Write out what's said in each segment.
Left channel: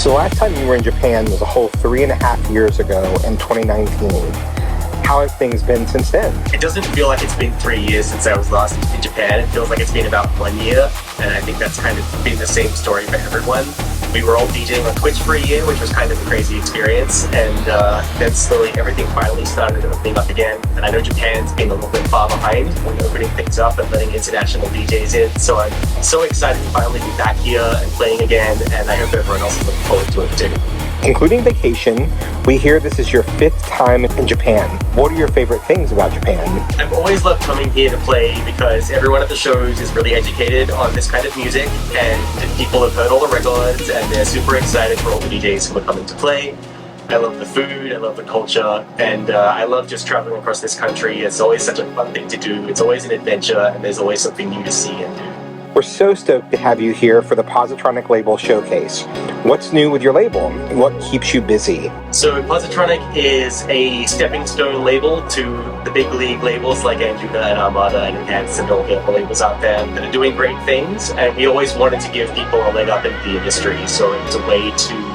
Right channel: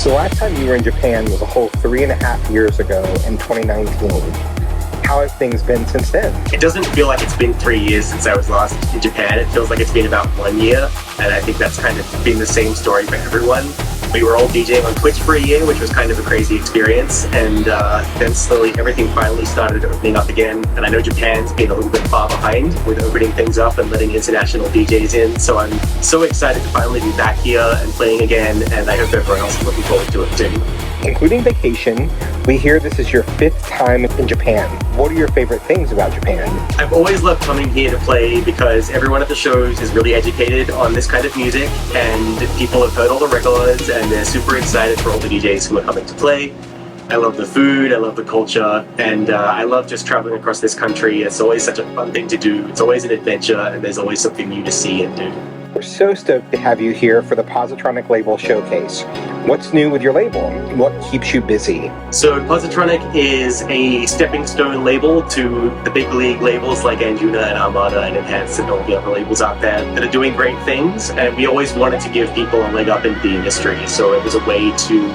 So last time you were in Japan was a whole 3.5 years ago in 2019. How have things been since then? It doesn't feel like it's been 3 years since I was last in Japan. It feels like it's been about 1 year, and I think that's kind of been the same story for everyone. We were all DJing on Twitch for a year, which was kind of a crazy experience, and then slowly everything finally started opening up again. And I know Japan's been a little bit far behind with opening things up and letting international DJs in, so I'm so excited to finally be back here and playing again, and I hope everyone else is looking forward to it too. Including vacation, we hear this is your 5th time in Japan. What are your favorite things about Japan? I've always loved coming here to play because everyone at the shows is really educated on this kind of music, and people have heard all the records and they're super excited for all the DJs who are coming to play. I love the food, I love the culture, and I love just traveling across this country. It's always such a fun thing to do. It's always an adventure, and there's always something new to see and do. We're so stoked to have you here for the Positronic Label Showcase. What's new with your label? What keeps you busy? So Positronic is a stepping stone label to the big league labels like Anjuna and Armada and Enhance and all the other labels out there that are doing great things, and we always wanted to give people a leg up in the industry, so it was a way to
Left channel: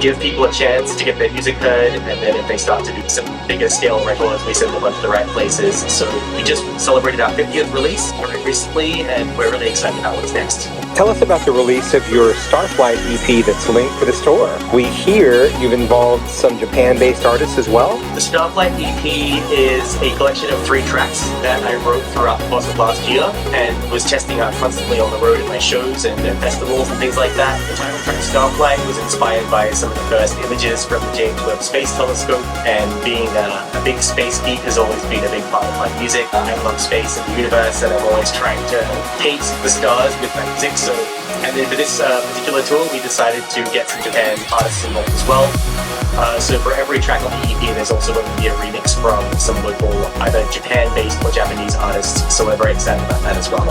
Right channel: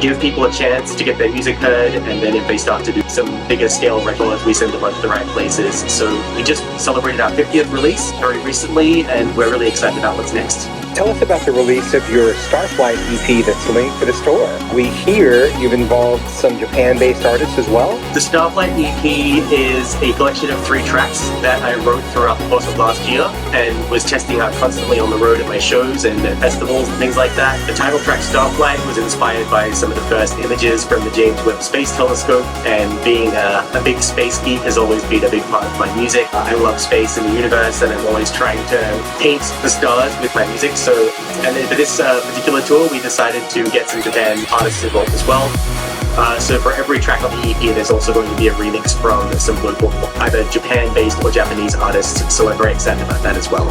give people a chance to get their music heard, and then if they start to do some bigger scale records, we send them on to the right places. So we just celebrated our 50th release very recently, and we're really excited about what's next. Tell us about the release of your Starflght EP that's linked for the store. We hear you've involved some Japan-based artists as well. The Starflght EP is a collection of 3 tracks that I wrote throughout the course of last year and was testing out constantly on the road at my shows and festivals and things like that. The title track Starflight was inspired by some of the first images from the James Webb Space Telescope, and being a big space geek has always been a big part of my music. I love space and the universe, and I'm always trying to paint the stars with my music. And then for this particular tour, we decided to get some Japan artists involved as well. So for every track on the EP, there's also going to be a remix from some local, either Japan-based or Japanese artists, so we're very excited about that as well.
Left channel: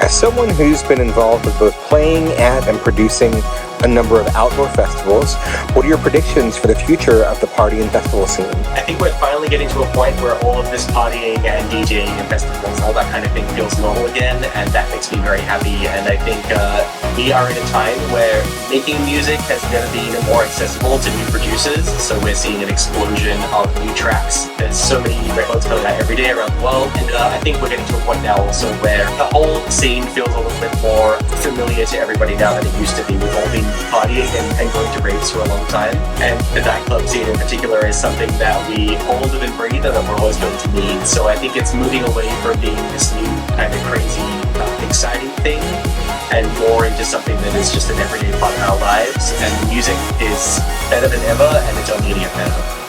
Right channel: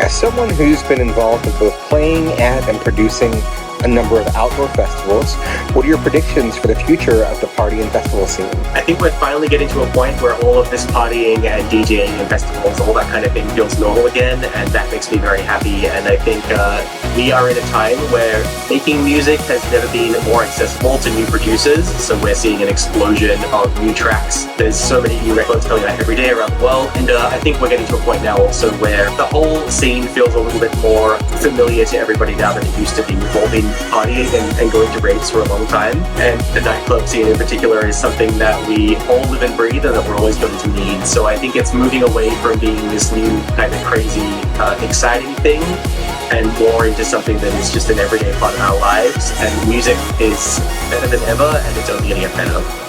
As someone who's been involved with both playing at and producing a number of outdoor festivals, what are your predictions for the future of the party and festival scene? I think we're finally getting to a point where all of this partying and DJing and festivals, all that kind of thing feels normal again, and that makes me very happy. And I think we are in a time where making music has never been more accessible to new producers, so we're seeing an explosion of new tracks. There's so many new records coming out every day around the world, and I think we're getting to a point now also where the whole scene feels a little bit more familiar to everybody now than it used to be. We've all been partying and going to raves for a long time, and the nightclub scene in particular is something that we all live and breathe and that we're always going to need. So I think it's moving away from being this new kind of crazy, exciting thing, and more into something that is just an everyday part of our lives, and music is better than ever, and it's only going to get better.